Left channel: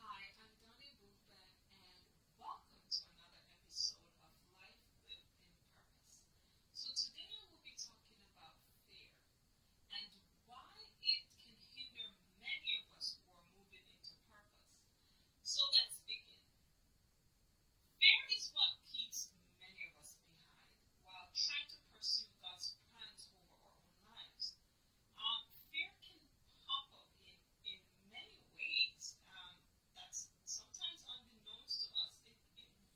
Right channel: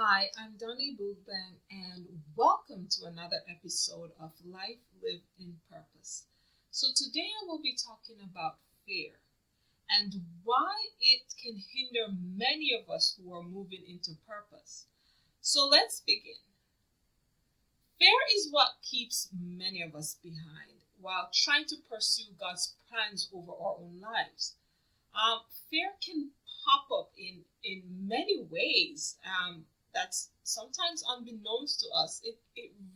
Hi, I'm Donnie Boogban, and welcome to another episode of Life Lived in Purpose. So, today I will be talking about fear and why it can hinder many of us who are moving into purpose. So, let's begin. Fear is what keeps many of us behind while trying to pursue God's plans over our own lives. Fear can pop up in many ways. That's sometimes unbeknownst to us. It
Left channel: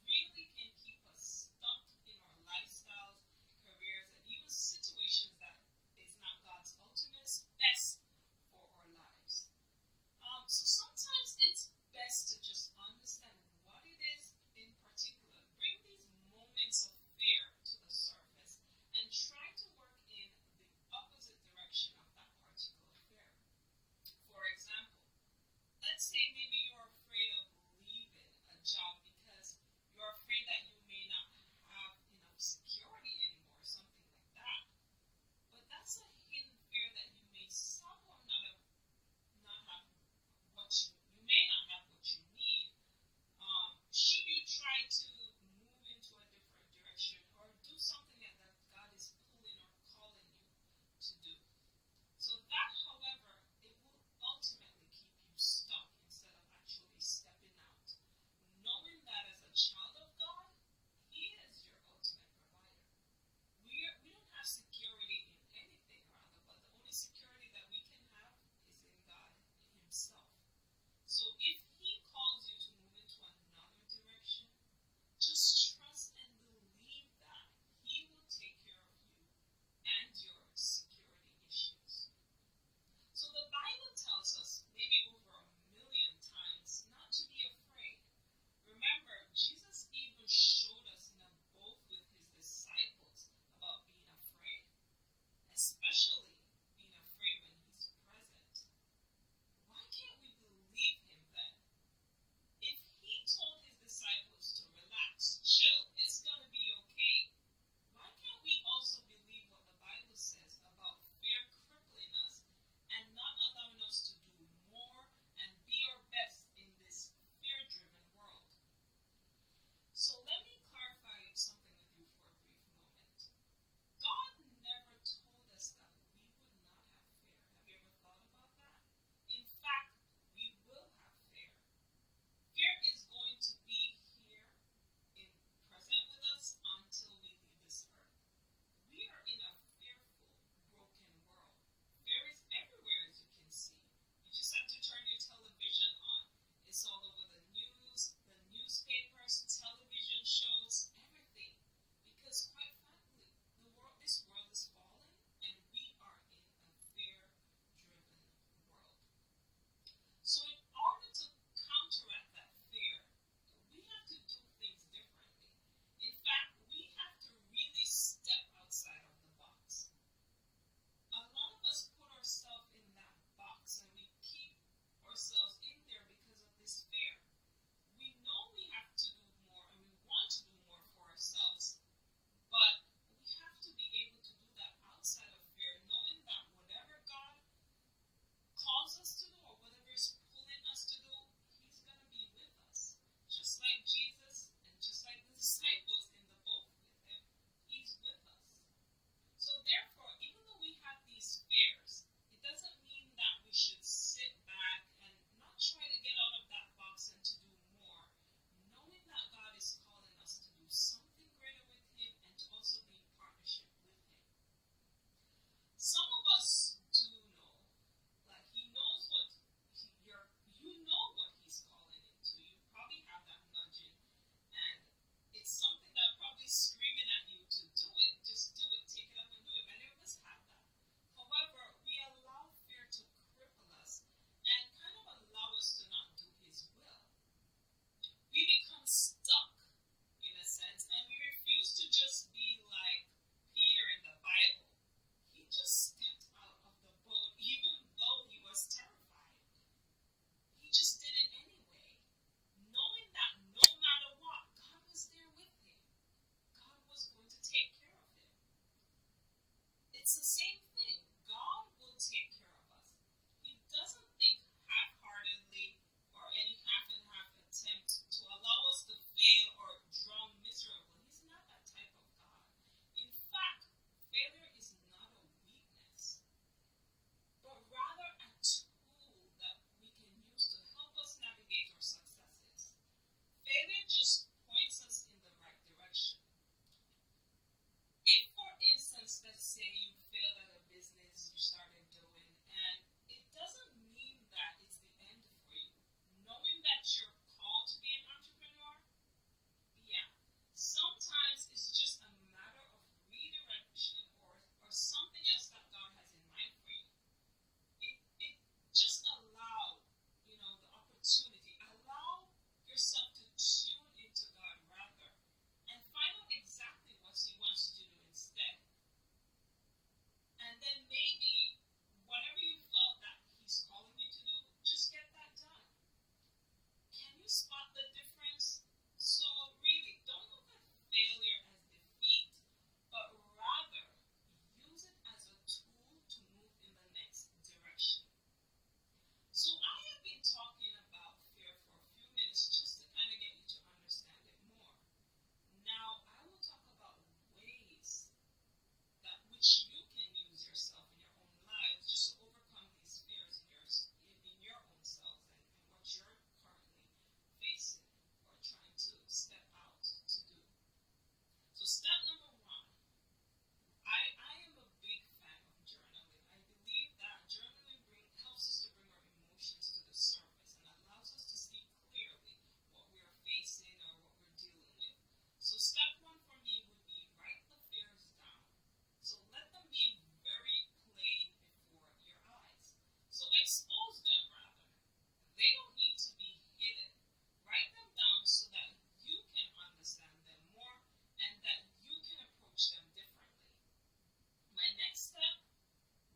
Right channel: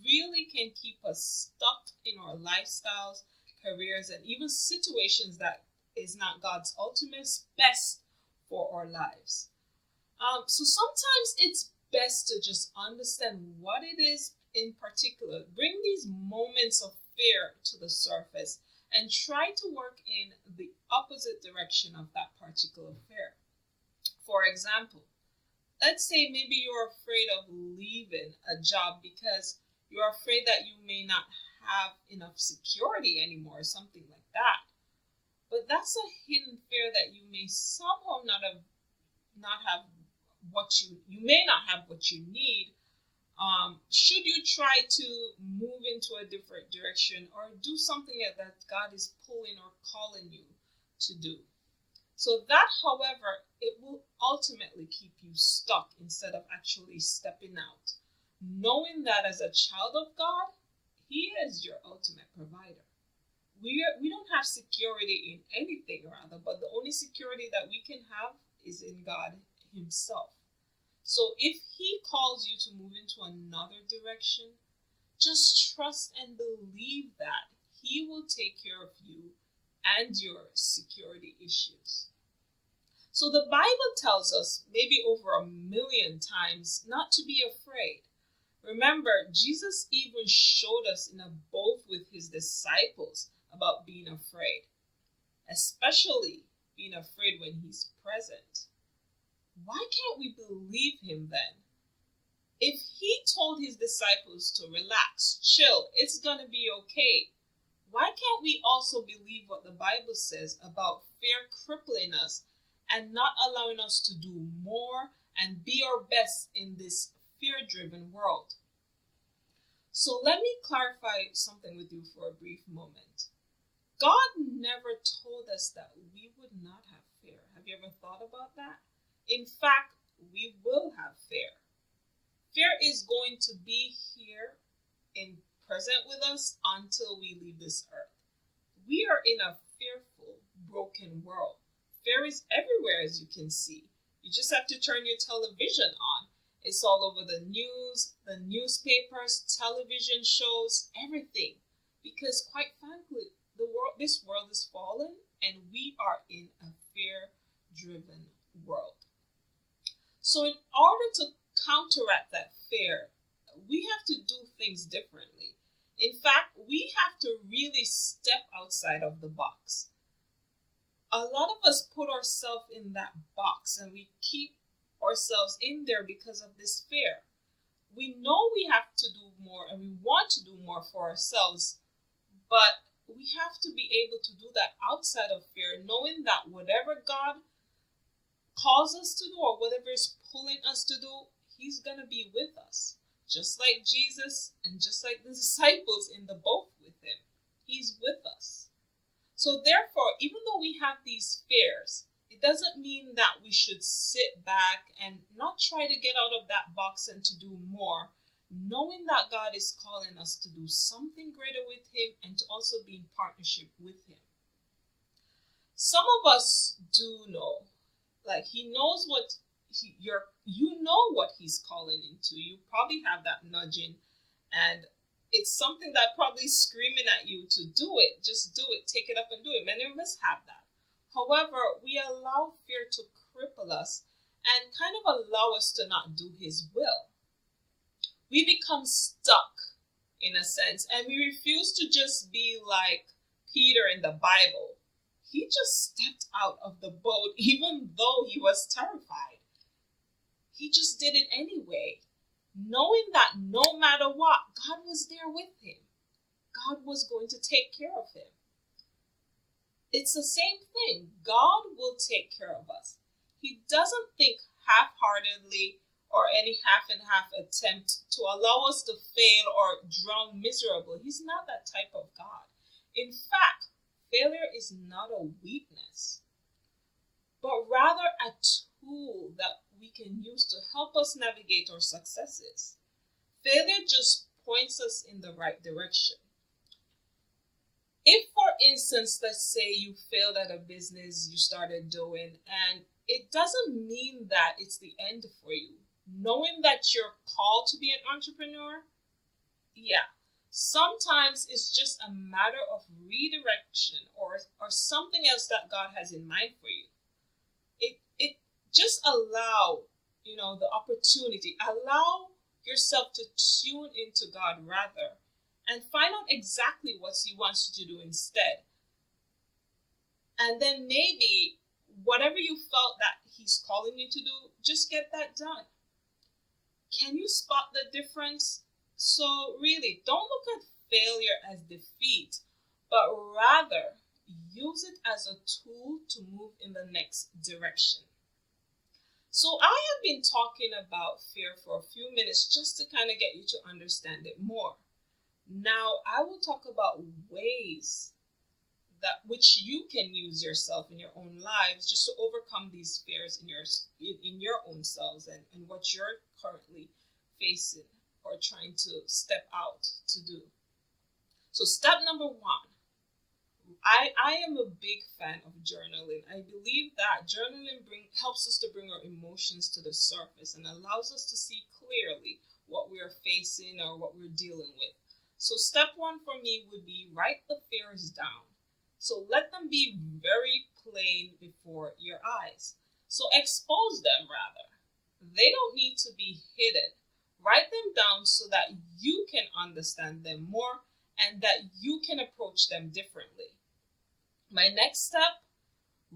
really can keep us stuck in our lifestyles, careers, and even situations that is not God's ultimate best for our lives. So sometimes it's best to just understand what it is in particular. Bring these moments of fear to the surface and try to work in the opposite direction of that particular fear. For example, let's say maybe you're afraid of leaving a job because you're afraid that you may not have enough security anymore, or something like that. But that's a hidden fear that you may somehow not have what you may not have what you need. Should you try to move into a different direction or do something that God is pulling or calling you to do? So that, however, it will ultimately keep you stuck instead of actually stepping out, knowing that as a child of God, He is your ultimate provider. We don't have security in anything, rather, but the only security that we can have is in God Himself. So if He calls you to move into another direction, just trust and believe that He will take care of you and your security issues. So the Bible tells us, maybe over a million times, not to be afraid. Remember, Jesus even showed us in a both with His disciples about being afraid, especially being afraid when He's present. Why can't we believe Him then? If He told His disciples to relax, chill, it's going to be okay, why can't we also believe what the Bible says about fear crippling us and not allowing us to do more and be our best in this fear-driven world? So let me clarify something with you for a brief moment. God never told us that we would not have fear. Have you ever thought about that? In fact, we will have fear. Fear is going to be here in present with us until we leave this earth. We are in a fearful, broken world. Fear is everywhere, as you can see. You just have to turn your television on. It's all over the news, the newspapers, television shows, everything. Because quite frankly, this world is fallen and we are in a fear-driven world. So in order to counteract that fear, we have to do things differently. In fact, we have to really step outside of the box. A lot of us put ourselves in that box and we keep ourselves in there because of this fear. We know we have to do more and we want to do more for ourselves, but we have to be able to do that outside of fear, knowing that whatever God calls us to do or whatever is pulling us to do, He's going to be with us. Just like Jesus and just like the disciples in the boat with Him, He's with us. So therefore, even though we have these fears, it doesn't mean that we should sit back and not try to get out of that box and to do more, knowing that God is calling us to do something greater with Him and to also be in partnership with Him. Some of us do know, like He knows what you know what He's calling into. You probably have that nudging, and it's something that probably screaming at you to do it. Just do it. Take it up and do it. Many of us have that. However, we allow fear to cripple us and kind of allow us to not do His will. We become stuck in a sense, and we refuse to just be like Peter in the Bible. He just stepped out of the boat even though he was terrified. He just did it anyway, knowing that no matter what, God was there with him. God was going to take care of him. It's the same thing. God will take care of us. He doesn't think half-heartedly or any half and half attempt to allow us to fail or drown miserable. He's not that type of God. In fact, failure is not a weakness, but rather a tool that we can use to help us navigate our successes. Failure just points us in the right direction. If, for instance, let's say you failed at a business you started doing, and it doesn't mean that it's the end for you. Knowing that you're called to be an entrepreneur, yeah, sometimes it's just a matter of redirection or something else that God has in mind for you. It just allow, the opportunity, allow yourself to tune into God rather, and find out exactly what He wants you to do instead. And then maybe whatever you felt that He's calling you to do, just get that done. Can you spot the difference? So really, don't look at failure as defeat, but rather use it as a tool to move in the next direction. So I have been talking about fear for a few minutes just to kind of get you to understand it more. Now, I will talk about ways that which you can use yourself in your own lives just to overcome these fears in your own selves and what you're currently facing or trying to step out to do. So step number one, I am a big fan of journaling. I believe that journaling helps us to bring our emotions to the surface and allows us to see clearly what we are facing or what we're dealing with. So step one for me would be write the fears down. So let them be very plain before your eyes. So expose them rather. They don't need to be hidden. Write them down so that you can understand them more and that you can approach them differently. My next step,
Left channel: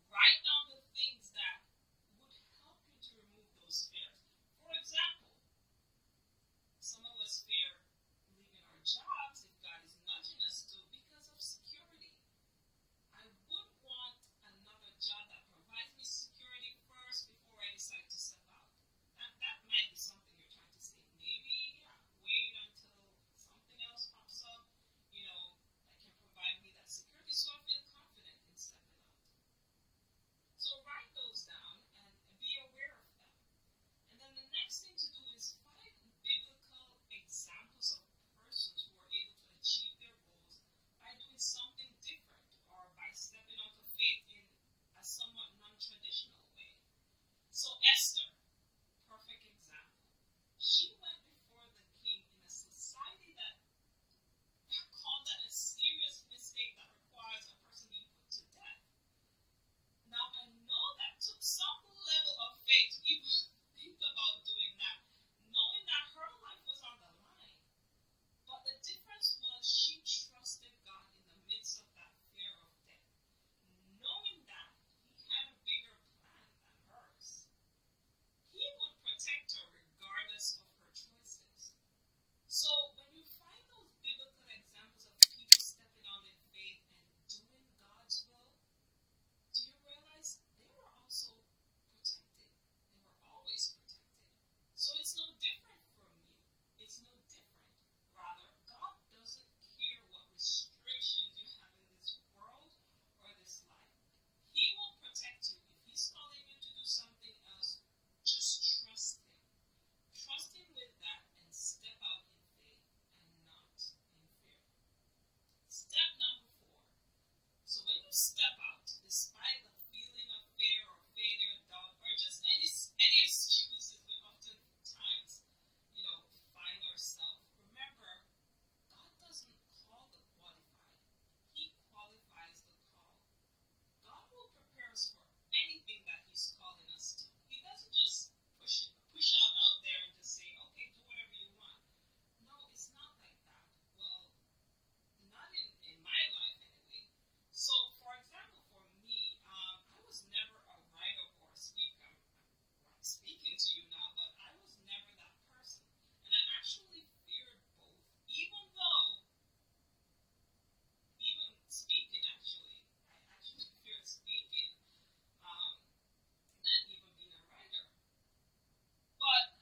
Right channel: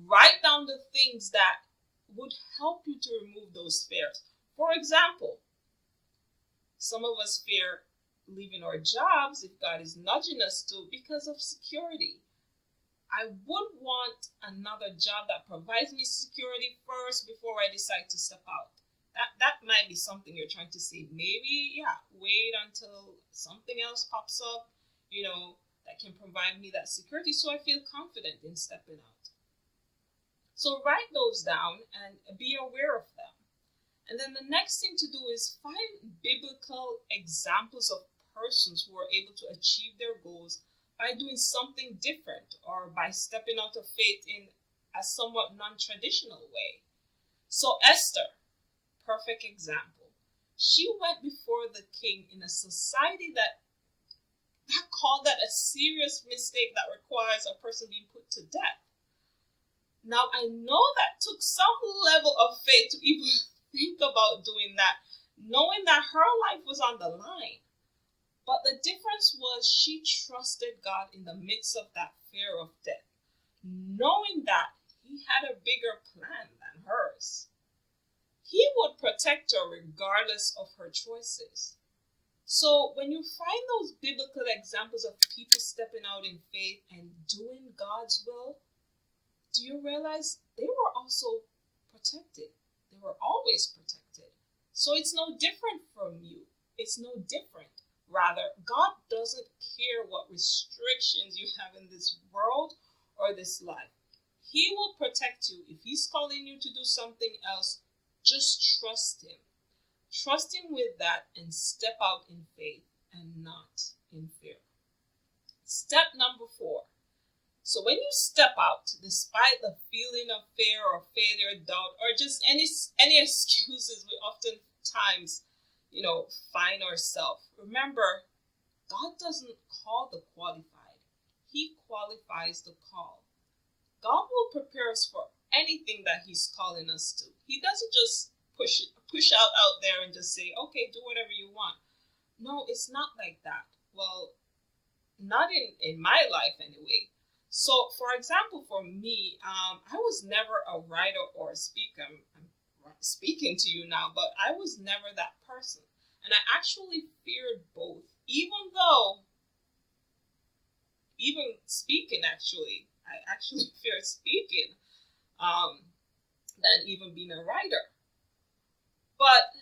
write down the things that would help you to remove those fears. For example, some of us fear leaving our jobs if God is nudging us to because of security. I would want another job that provides me security first before I decide to step out. That might be something you're trying to say. Maybe, wait until something else pops up, that can provide me that security so I feel confident in stepping out. So write those down and be aware of them. And then the next thing to do is find biblical examples of persons who are able to achieve their goals by doing something different or by stepping out of faith in a somewhat non-traditional way. So Esther, perfect example. She went before the king in a society that called that a serious mistake that requires a person being put to death. Now, I know that took some level of faith to even think about doing that, knowing that her life was on the line. But the difference was she trusted God in the midst of that fear of death, knowing that He had a bigger plan than hers. He would protect her regardless of her choices. So when you find those biblical examples of people stepping out in faith and doing God's will, do you realize they were also protected? They were always protected. So it's no different from you. It's no different. Rather, God doesn't care what restrictions you have in this world or this life. He will protect you. If He's calling you to do something else, just trust Him. Trust Him with that and step out in faith and not in fear. Step number 4. So when you step out, despite the feeling of fear or failure, doubt, or just any excuses we oftentimes, find ourselves, remember, God doesn't call the qualified. He qualifies the call. God will prepare us for anything that He's calling us to. He doesn't just push out there and just say, okay, do whatever you want. No, it's not like that. Well, not in my life anyway. So, for example, for me, I was never a writer or a speaker. I'm speaking to you now, but I was never that person. And I actually feared both, even speaking, actually. I actually feared speaking than even being a writer. But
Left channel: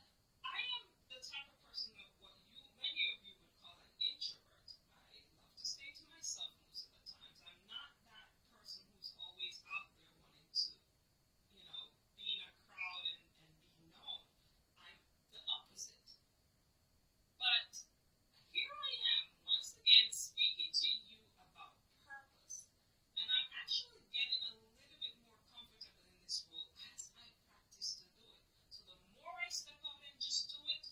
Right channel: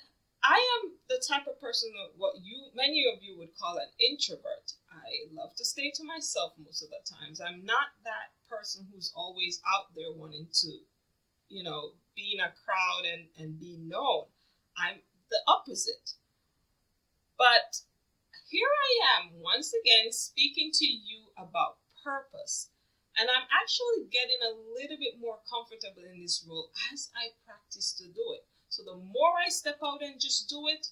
I am the type of person of what many of you would call an introvert. I love to stay to myself most of the times. I'm not that person who's always out there wanting to, be in a crowd and be known. I'm the opposite. But here I am once again speaking to you about purpose. And I'm actually getting a little bit more comfortable in this role as I practice to do it. So the more I step out and just do it,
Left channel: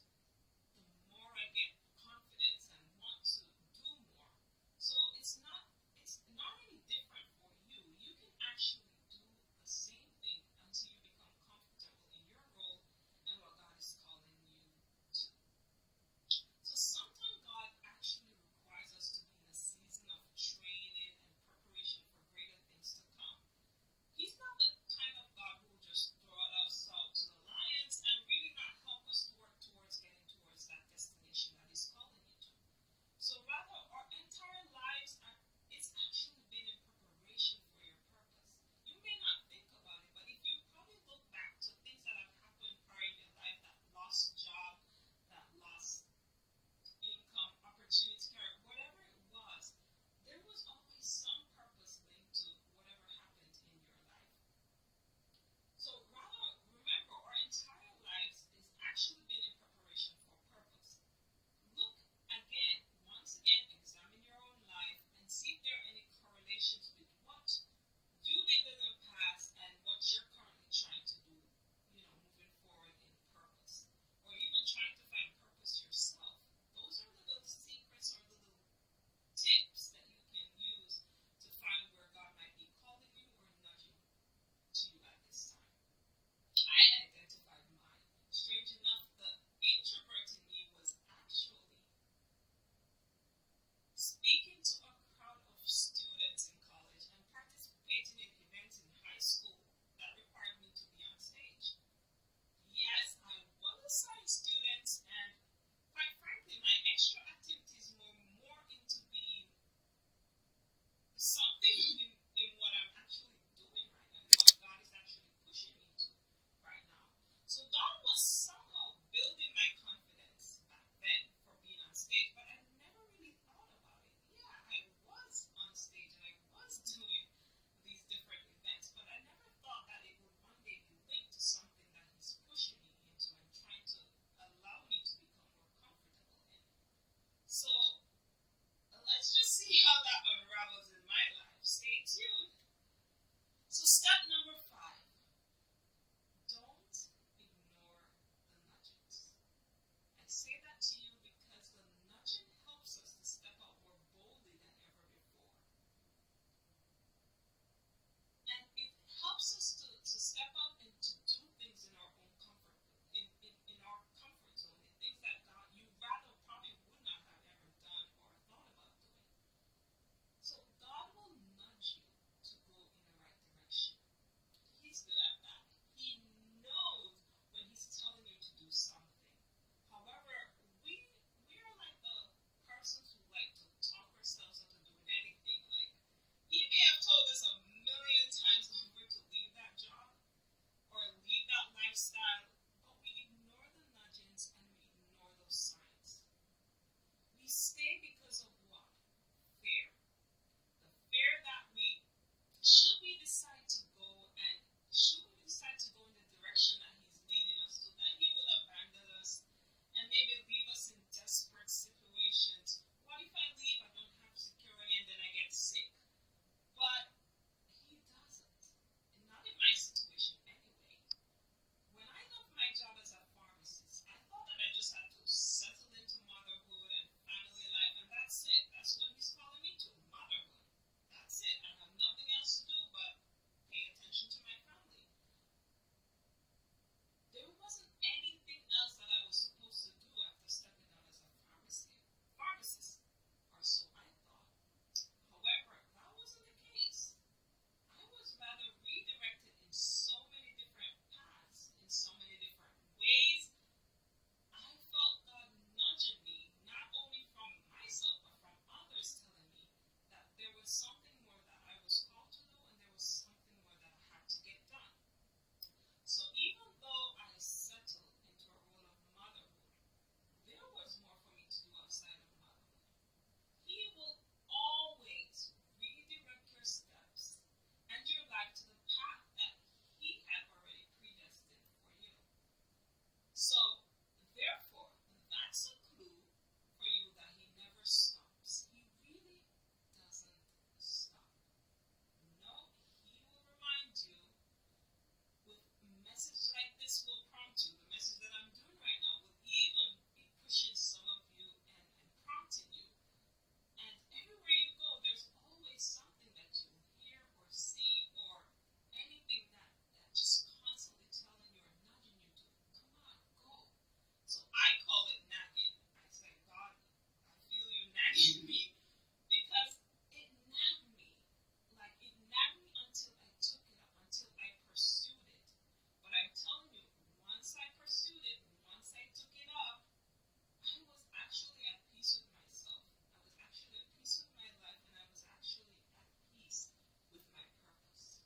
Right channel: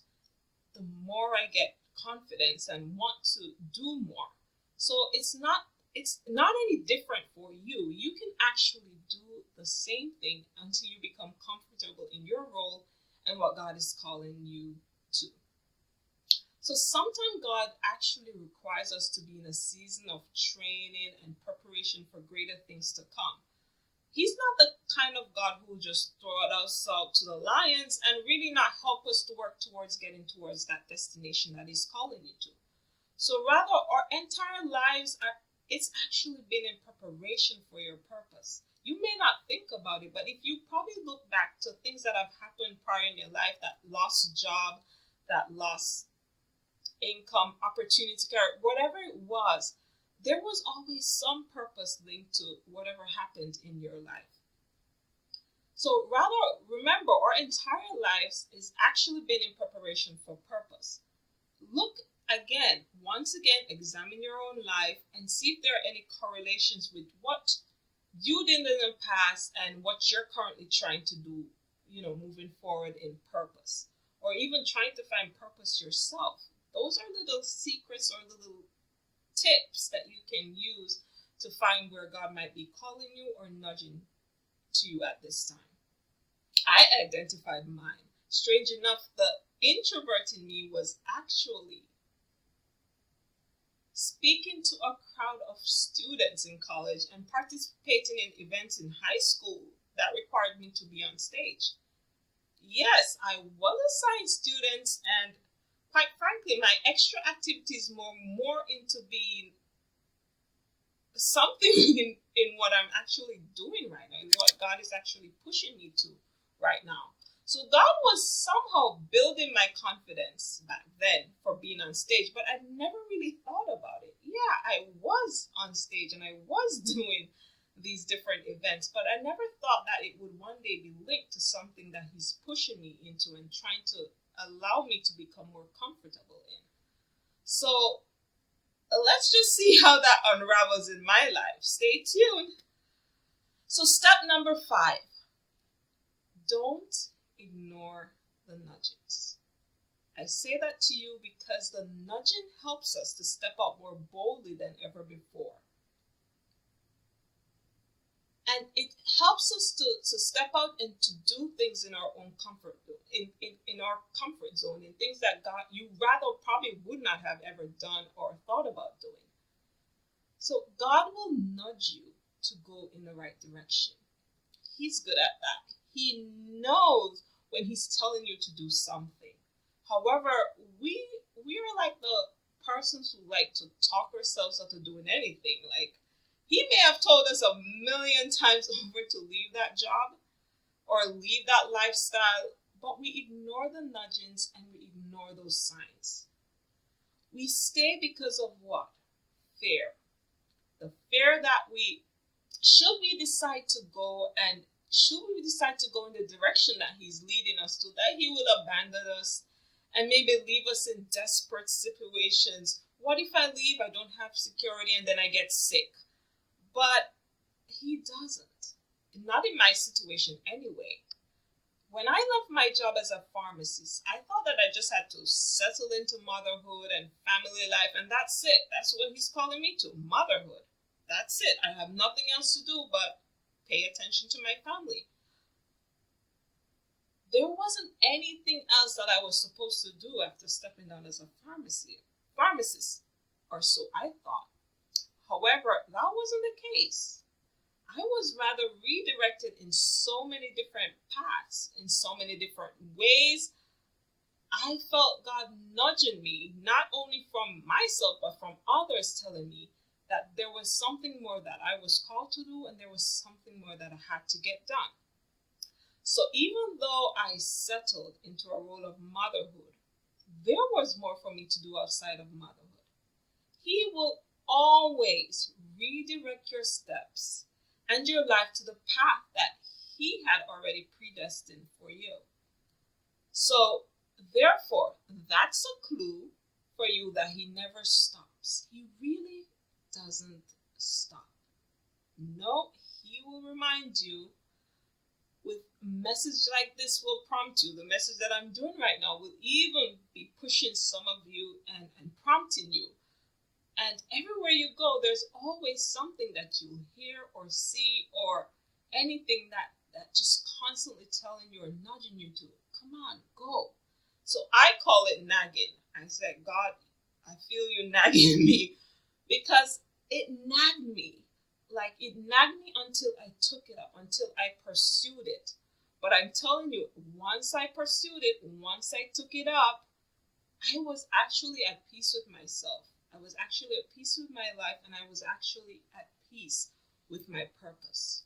the more I get confidence and want to do more. So it's not any different for you. You can actually do the same thing until you become comfortable in your role and what God is calling you to. So sometimes God actually requires us to be in a season of training and preparation for greater things to come. He's not the kind of God who just throw us out to the lions and really not help us to work towards getting towards that destination that He's calling you to. So rather, our entire lives it's actually been in preparation for your purpose. You may not think about it, but if you probably look back to things that have happened prior in your life, that lost job, that lost income, opportunity, whatever it was, there was always some purpose linked to whatever happened in your life. So rather, remember, our entire lives is actually been in preparation for purpose. Look again, once again, examine your own life and see if there are any correlations with what you did in the past and what you're currently trying to do, moving forward in purpose, or even trying to find purpose yourself. Those are little secrets or little tips that you can use to find where God might be calling you or nudging to you at this time. I identified mine. Strange enough, the introvert in me was actually speaking to a crowd of students in college and participating in events in high school that required me to be on stage. Yes, I was a science student, and quite frankly, my extra activities were more into being something in what I'm actually doing right now, what God is actually pushing me to right now. So God was somehow building my confidence back then for being on stage, but I never really thought about it. Yeah, I was on stage and I was doing these different events, but I never thought that it would one day be linked to something that He's pushing me into and trying to allow me to become more comfortable in. So let's just see how that unravels in my life. Stay tuned. So step number 5, don't ignore the nudgings. I say that to you because the nudging helps us to step out more boldly than ever before. And it helps us to step out and to do things in our own comfort, in our comfort zone, in things that God, you rather probably would not have ever done or thought about doing. So God will nudge you to go in the right direction. He's good at that. He knows when He's telling you to do something. However, we are like the persons who like to talk ourselves into doing anything. Like, He may have told us 1,000,000 times over to leave that job or leave that lifestyle, but we ignore the nudgings and we ignore those signs. We stay because of what? Fear. The fear that should we decide to go in the direction that He's leading us to, that He will abandon us and maybe leave us in desperate situations. What if I leave, I don't have security, and then I get sick? But He doesn't. Not in my situation anyway. When I left my job as a pharmacist, I thought that I just had to settle into motherhood and family life, and that's it. That's what He's calling me to, motherhood. That's it. I have nothing else to do but pay attention to my family. There wasn't anything else that I was supposed to do after stepping down as a pharmacist, or so I thought. However, that wasn't the case. I was rather redirected in so many different paths, in so many different ways. I felt God nudging me, not only from myself, but from others telling me that there was something more that I was called to do and there was something more that I had to get done. So even though I settled into a role of motherhood, there was more for me to do outside of motherhood. He will always redirect your steps and your life to the path that He had already predestined for you. So, therefore, that's a clue for you that He never stops. He really doesn't stop. No, He will remind you with a message like this will prompt you. The message that I'm doing right now will even be pushing some of you and prompting you. And everywhere you go, there's always something that you hear or see or anything that just constantly telling you or nudging you to, come on, go. So I call it nagging. I said, God, I feel you nagging me, because it nagged me. Like, it nagged me until I took it up, until I pursued it. But I'm telling you, once I pursued it, once I took it up, I was actually at peace with myself. I was actually at peace with my life, and I was actually at peace with my purpose.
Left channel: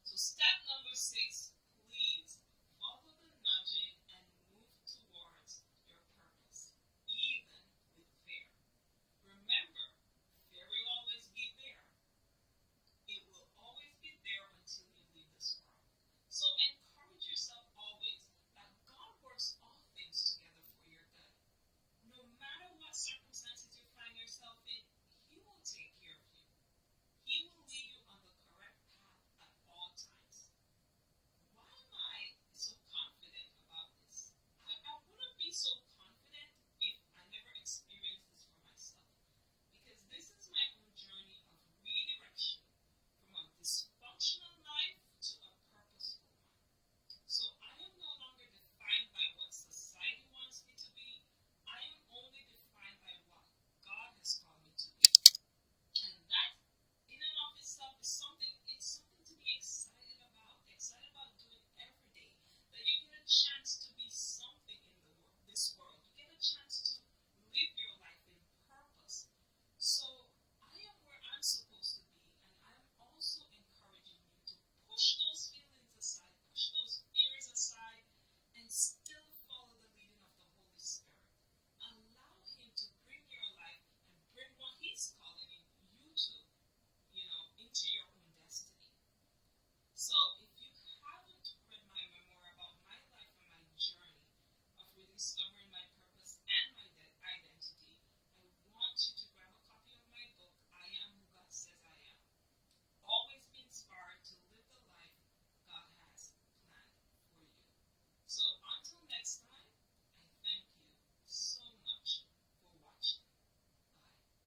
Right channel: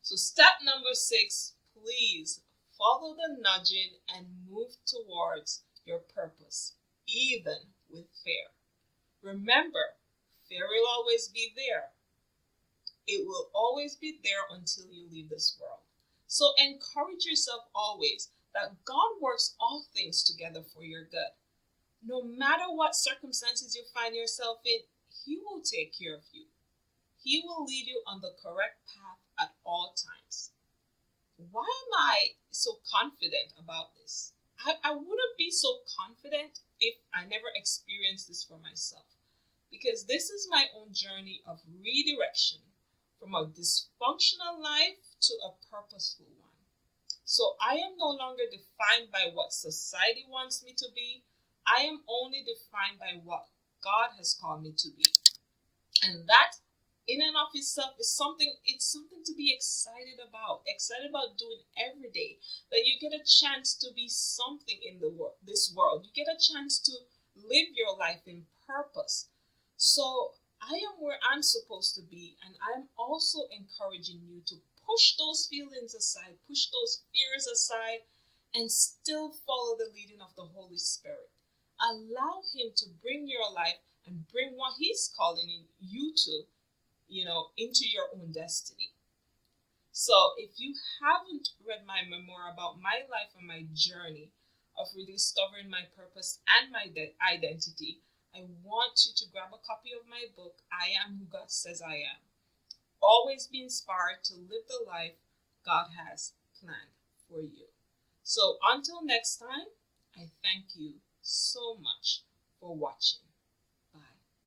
So step number 6, please follow the nudging and move towards your purpose, even with fear. Remember, fear will always be there. It will always be there until you leave this world. So encourage yourself always that God works all things together for your good. No matter what circumstances you find yourself in, He will take care of you. He will lead you on the correct path at all times. Why am I so confident about this? I wouldn't be so confident if I never experienced this for myself. Because this is my own journey of redirection from a dysfunctional life to a purposeful one. So I am no longer defined by what society wants me to be. I am only defined by what God has called me to be. And that in and of itself is something to be excited about doing every day. That you get a chance to be something in this world. You get a chance to live your life in purpose. So I am where I'm supposed to be, and I'm also encouraging you to push those feelings aside, push those fears aside, and still follow the leading of the Holy Spirit. Allow Him to bring your life and bring what He's calling you to, into your own destiny. So if you haven't read my memoir about my life and my journey of rediscovering my purpose and my identity, I want you to grab a copy of my book, I Am Who God Says I Am. Always be inspired to live the life God has planned for you. So until next time, I thank you so much for watching.